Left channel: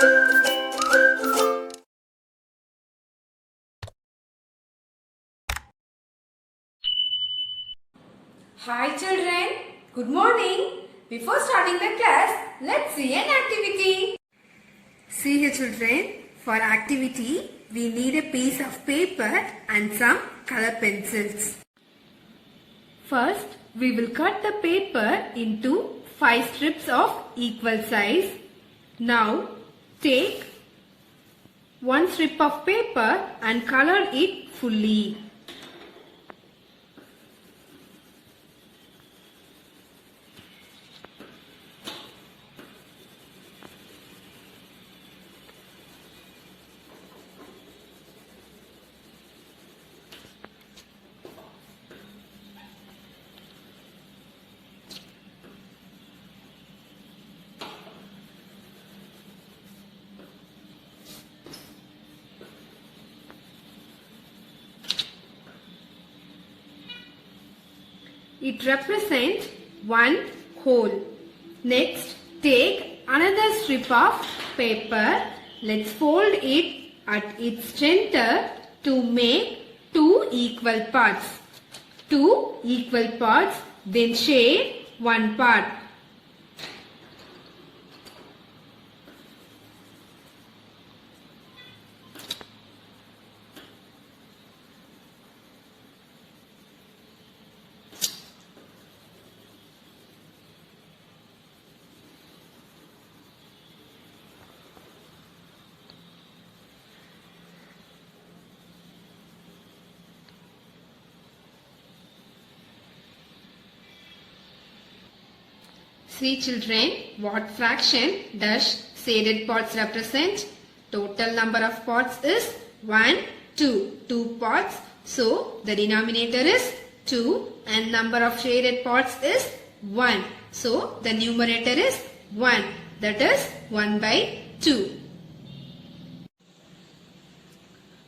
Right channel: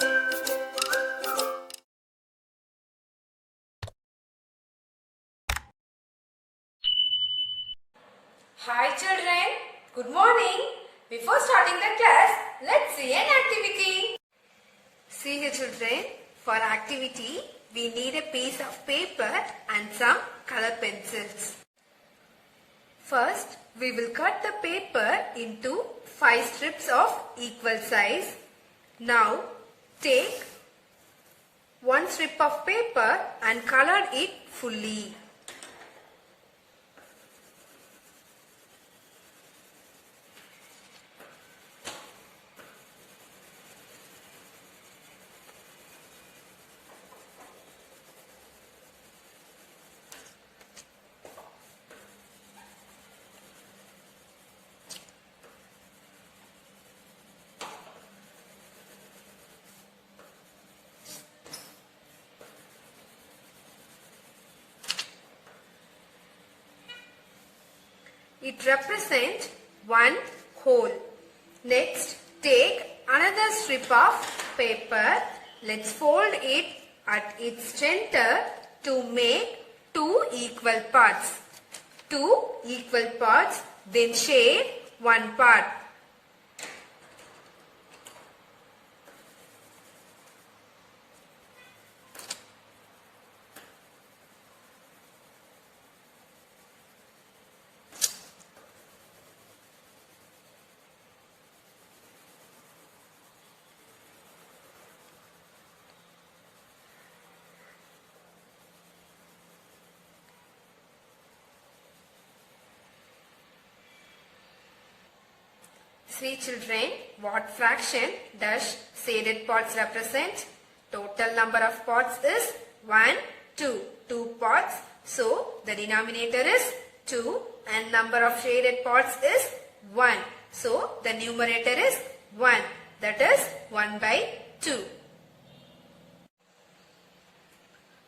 Hi children, good morning. Before starting the class, let's see an activity. See here children, for activity, we need a piece of paper and some color pencils. First, we will cut the paper into 5 strips of equal size. Now, take one strip of paper and color it fully. It represents one hole. Next, take another strip of paper. Let's fold it at its center to make 2 equal parts. 2 equal parts, then share one part. See children, what fraction does shaded parts represent? Total number of parts is 1, 2. 2 parts. So, the denominator is 2 and number of shaded parts is 1. So, the numerator is 1. That is 1 by 2.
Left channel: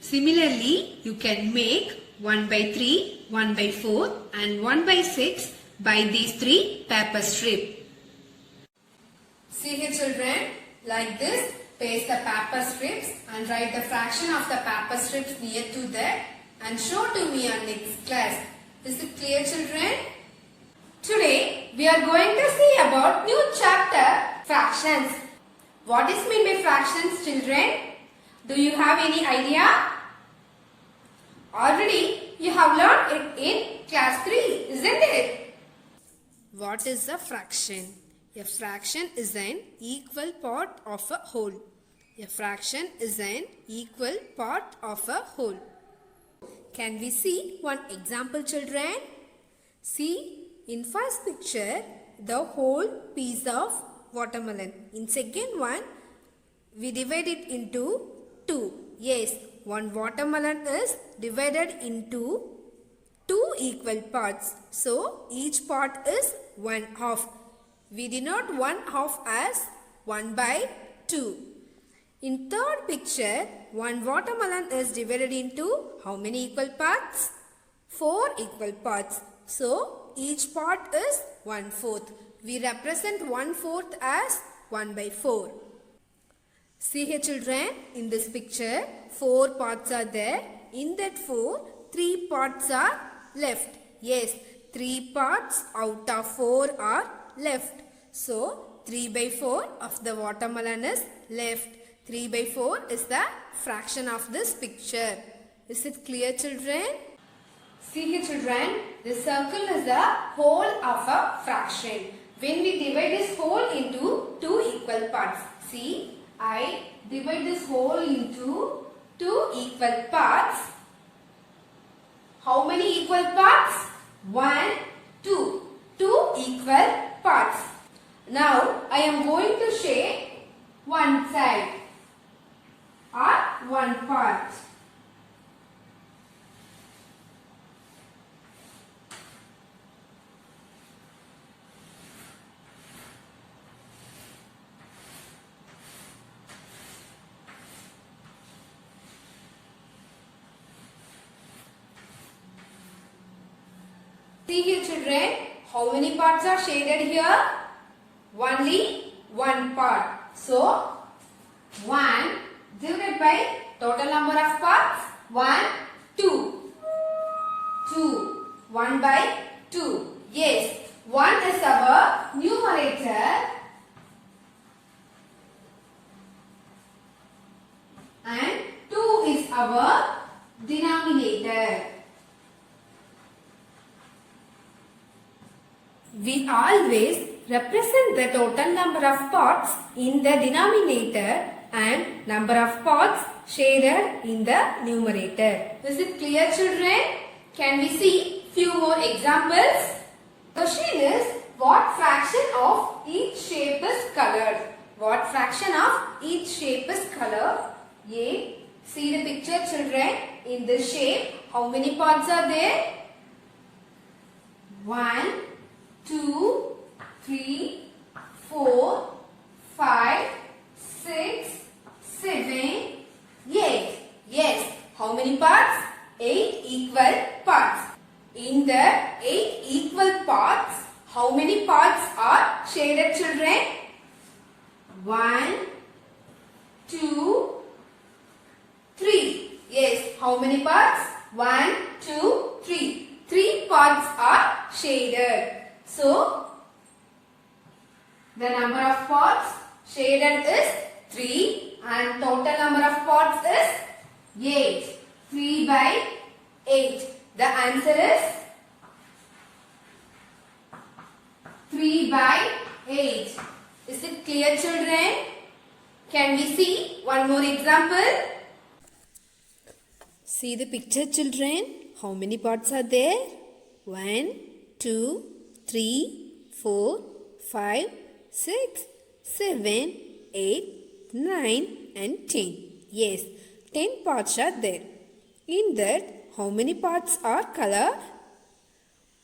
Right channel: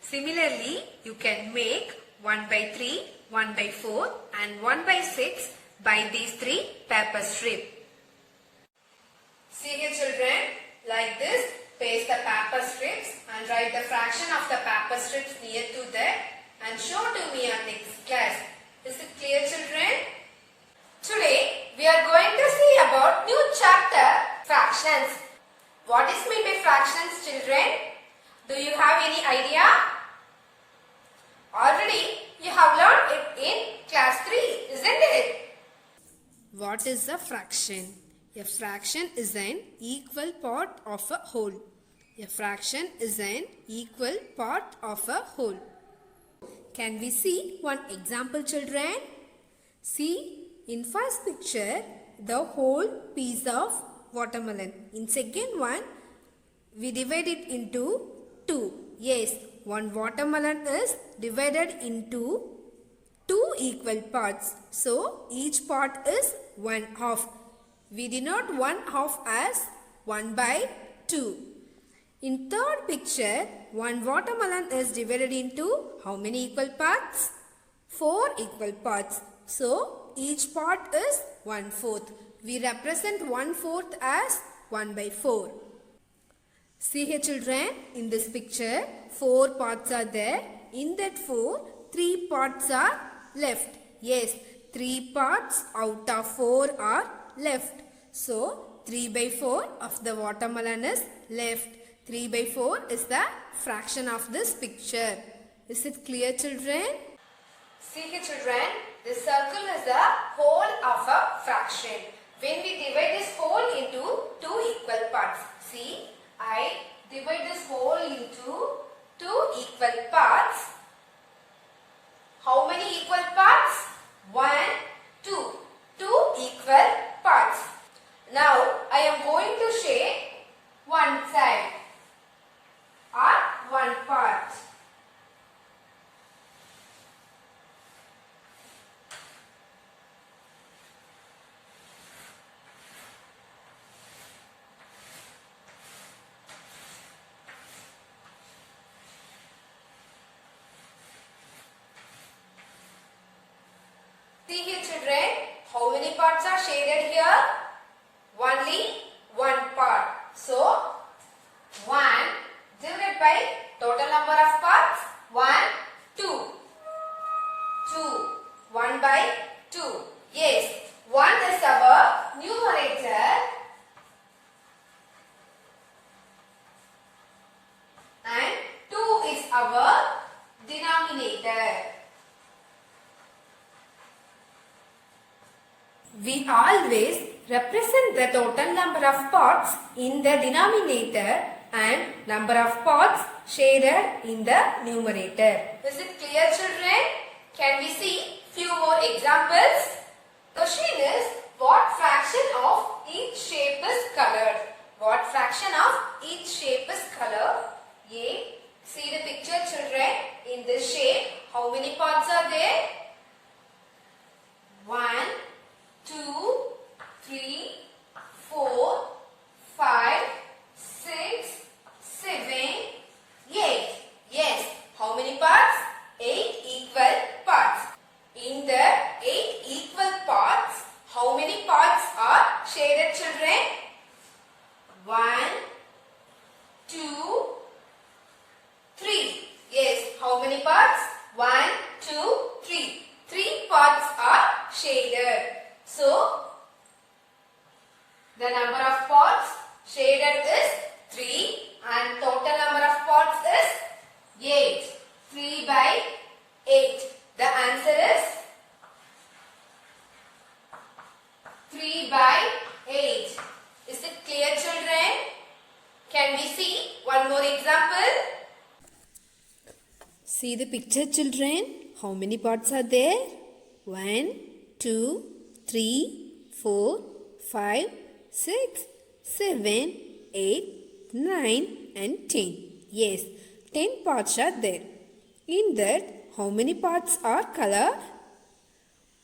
Similarly, you can make 1 by 3, 1 by 4 and 1 by 6 by these 3 paper strips. See here children, like this, paste the paper strips and write the fraction of the paper strips near to that and show to me on next class. Is it clear children? Today, we are going to see about new chapter, fractions. What is meant by fractions children? Do you have any idea? Already, you have learned it in class 3, isn't it? What is a fraction? A fraction is an equal part of a whole. A fraction is an equal part of a whole. Can we see one example children? See, in first picture, the whole piece of watermelon. In second one, we divide it into 2. Yes, one watermelon is divided into 2 equal parts. So, each part is 1/2. We denote 1/2 as 1 by 2. In third picture, one watermelon is divided into how many equal parts? 4 equal parts. So, each part is 1/4. We represent 1/4 as 1 by 4. See here children, in this picture, 4 parts are there. In that 4, 3 parts are left. Yes, 3 parts out of 4 are left. So, 3 by 4 of the watermelon is left. 3 by 4 is the fraction of this picture. Is it clear children? See here children, this circle is the whole of a fraction. When we divide this whole into 2 equal parts. See, I divide this whole into 2 equal parts. How many equal parts? 1, 2. 2 equal parts. Now, I am going to share one side or one part. See here children, how many parts are shaded here? Only one part. So, number of parts? 1, 2. 2. 1 by 2. Yes, 1 is our numerator and 2 is our denominator. We always represent the total number of parts in the denominator and number of parts shaded in the numerator. Is it clear, children? Can we see few more examples? The question is, what fraction of each shape is colored? What fraction of each shape is colored? A. See the picture, children. In this shape, how many parts are there? 1, 2, 3, 4, 5, 6, 7, 8. Yes. How many parts? 8 equal parts. In the 8 equal parts, how many parts are shaded, children? 1, 2, 3. Yes. How many parts? 1, 2, 3. 3 parts are shaded. So, the number of parts shaded is 3 and total number of parts is 8. 3 by 8. The answer is 3 by 8. Is it clear, children? Can we see one more example? See the picture, children. How many parts are there? 1, 2, 3, 4, 5, 6, 7, 8, 9 and 10. Yes, 10 parts are there. In that, how many parts are colored?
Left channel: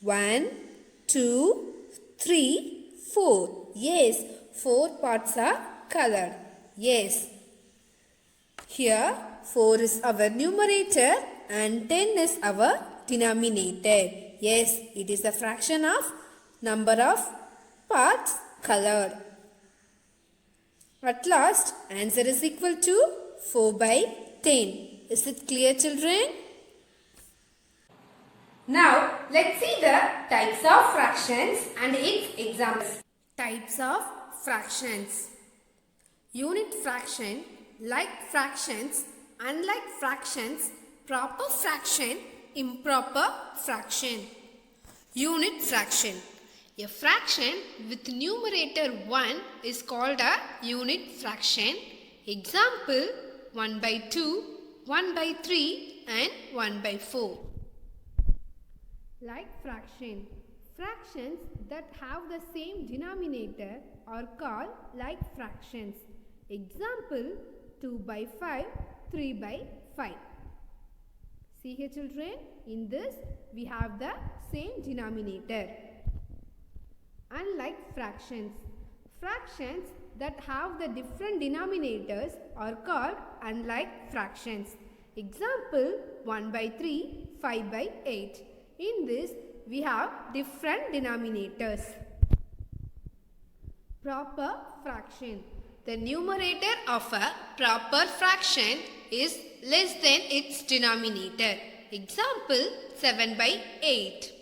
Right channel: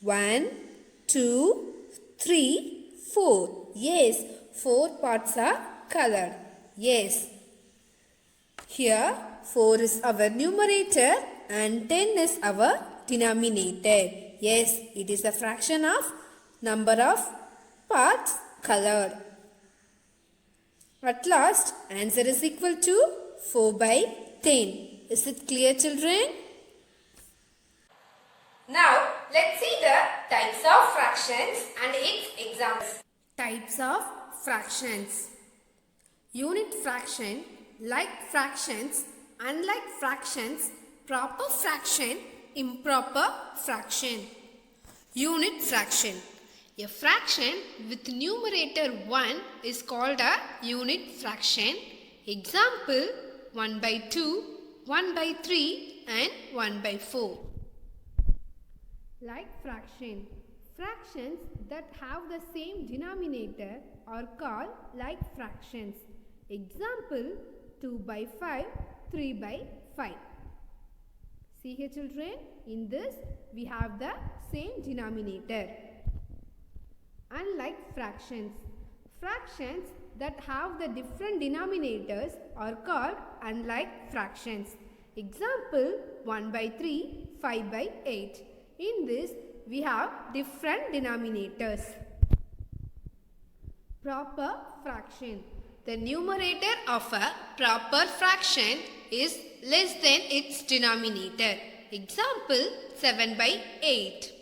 1, 2, 3, 4. Yes, 4 parts are colored. Yes. Here, 4 is our numerator and 10 is our denominator. Yes, it is a fraction of number of parts colored. At last, answer is equal to 4 by 10. Is it clear, children? Now, let's see the types of fractions and its examples. Types of fractions. Unit fraction, like fractions, unlike fractions, proper fraction, improper fraction. Unit fraction. A fraction with numerator 1 is called a unit fraction. Example, 1 by 2, 1 by 3 and 1 by 4. Like fraction. Fractions that have the same denominator are called like fractions. Example, 2 by 5, 3 by 5. See here, children, in this we have the same denominator. Unlike fractions. Fractions that have the different denominators are called unlike fractions. Example, 1 by 3, 5 by 8. In this, we have different denominators. Proper fraction. The numerator of a proper fraction is less than its denominator. Example, 7 by 8.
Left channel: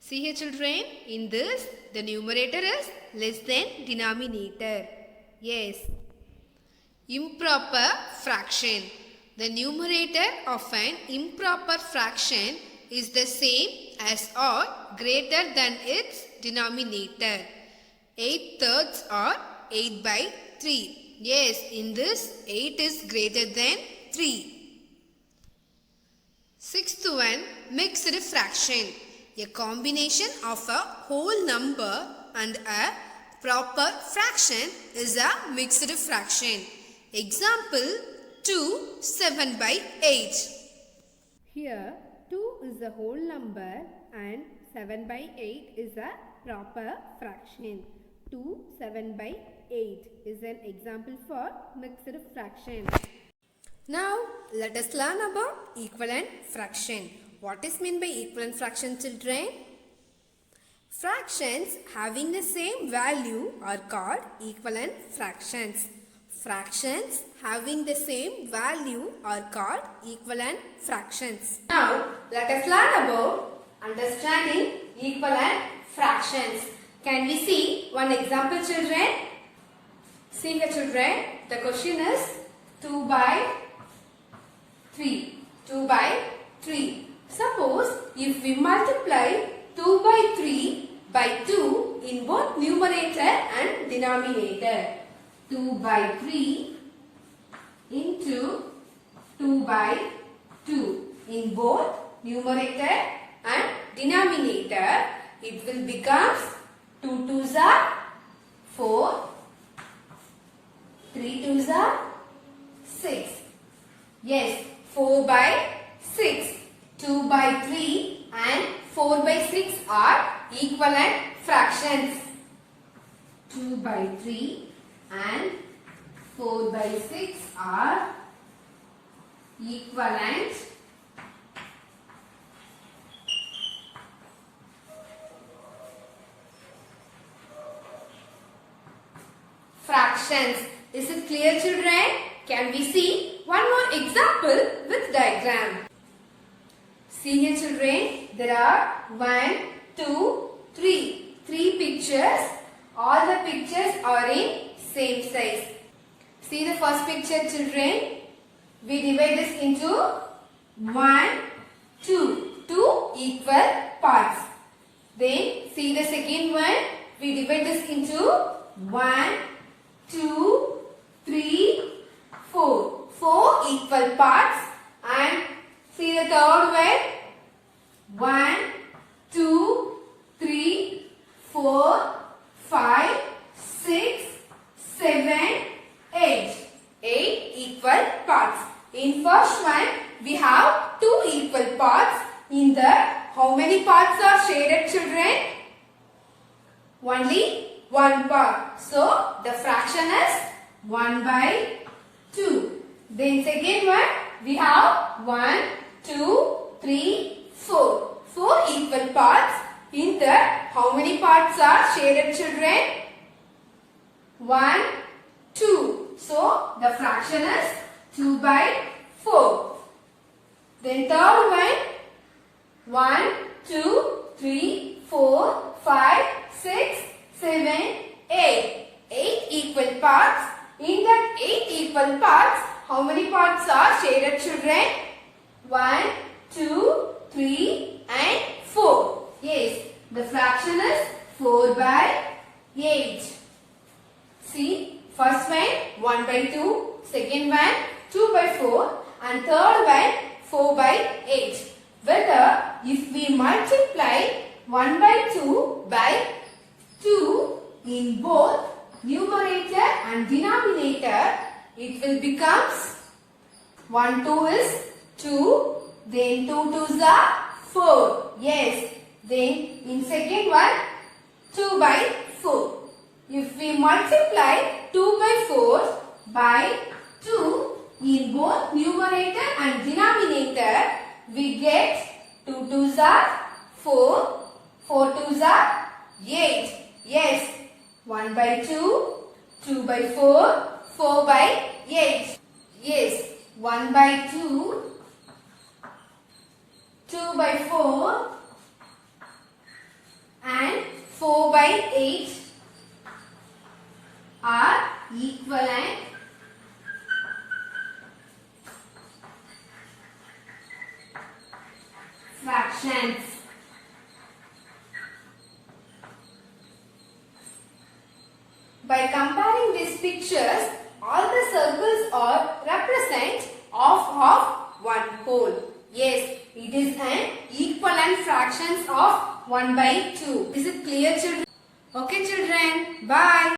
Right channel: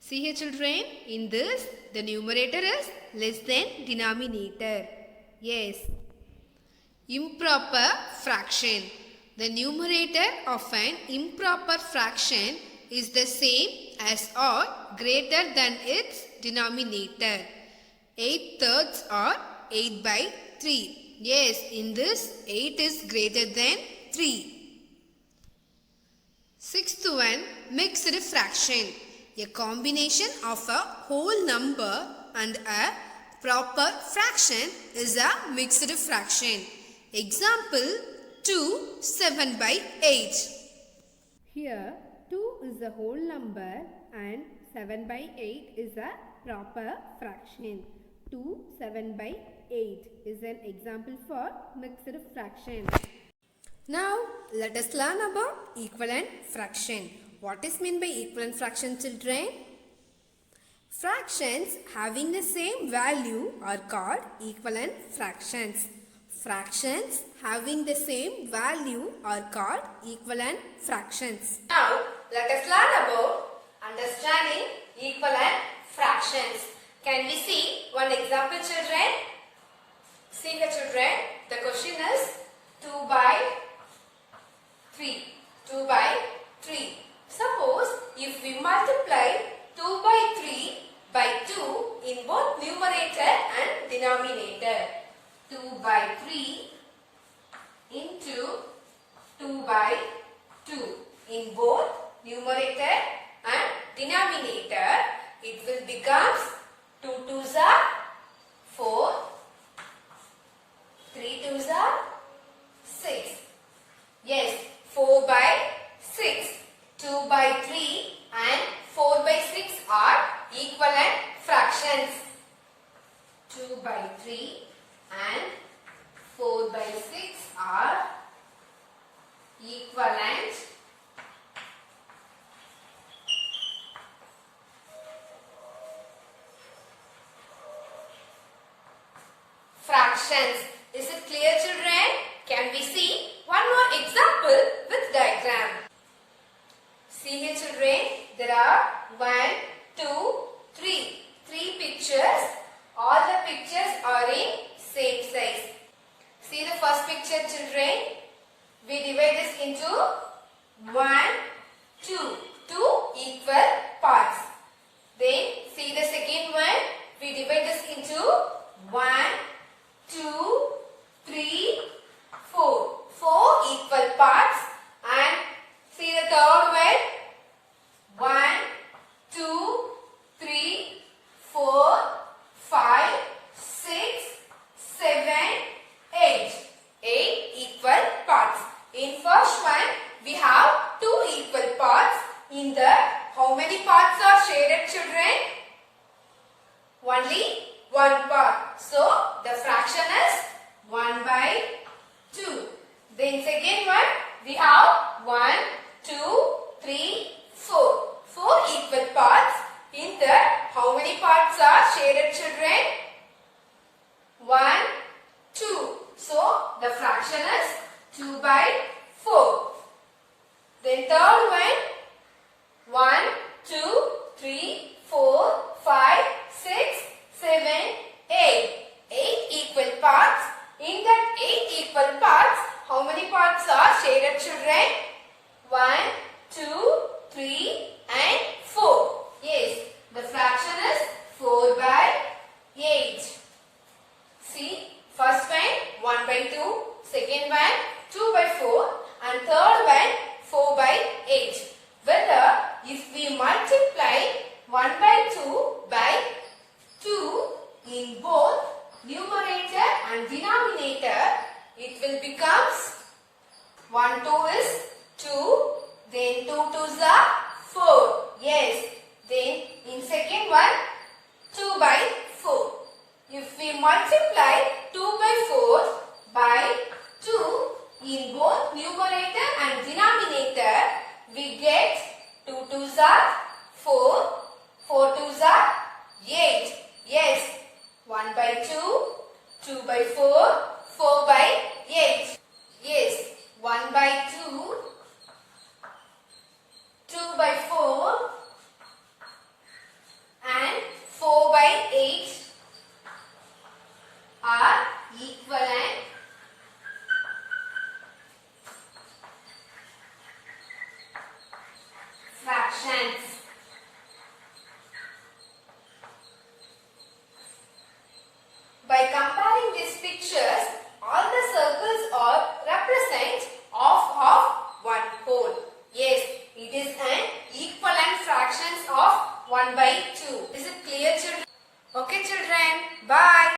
See here, children, in this, the numerator is less than denominator. Yes. Improper fraction. The numerator of an improper fraction is the same as or greater than its denominator. 8/3 or 8 by 3. Yes, in this 8 is greater than 3. Sixth one, mixed fraction. A combination of a whole number and a proper fraction is a mixed fraction. Example, 2, 7 by 8. Here, 2 is a whole number and 7 by 8 is a proper fraction. 2, 7 by 8 is an example for mixed fraction. Now, let us learn about equivalent fraction. What is meant by equivalent fraction, children? Fractions having the same value are called equivalent fractions. Fractions having the same value are called equivalent fractions. Now, let us learn about understanding equivalent fractions. Can we see one example, children? See here, children. The question is 2 by 3. 2 by 3. Suppose if we multiply 2 by 3 by 2 in both numerator and denominator. 2 by 3 into 2 by 2 in both numerator and denominator, it will become 2 2s are 4, 3 2s are 6. Yes, 4 by 6, 2 by 3 and 4 by 6 are equivalent fractions. 2 by 3 and 4 by 6 are equivalent fractions. Is it clear, children? Can we see one more example with diagram? See here, children. There are 1, 2, 3. 3 pictures. All the pictures are in same size. See the first picture, children. We divide this into 1, 2. 2 equal parts. Then see the second one. We divide this into 1, 2, 3, 4. 4 equal parts. And see the third one. 1, 2, 3, 4, 5, 6, 7, 8. 8 equal parts. In first one, we have 2 equal parts. In that, how many parts are shaded, children? Only 1 part. So, the fraction is 1 by 2. Then second one, we have 1, 2, 3, 4. 4 equal parts. In that, how many parts are shaded, children? 1, 2. So, the fraction is 2 by 4. Then third one, 1, 2, 3, 4, 5, 6, 7, 8. 8 equal parts. In that 8 equal parts, how many parts are shaded, children? 1, 2, 3 and 4. Yes, the fraction is 4 by 8. See, first one 1 by 2, second one 2 by 4 and third one 4 by 8. Whether if we multiply 1 by 2 by 2 in both numerator and denominator, it will become 1 2 is 2, then 2 2s are 4. Yes, then in second one 2 by 4. If we multiply 2 by 4 by 2 in both numerator and denominator, we get 2 2s are 4, 4 2s are 8. Yes, 1 by 2, 2 by 4, 4 by 8. Yes, 1 by 2, 2 by 4 and 4 by 8 are equivalent fractions. By comparing these pictures, all the circles are represent of one whole. Yes, it is an equivalent fractions of 1 by 2. Is it clear, children? Okay, children. Bye.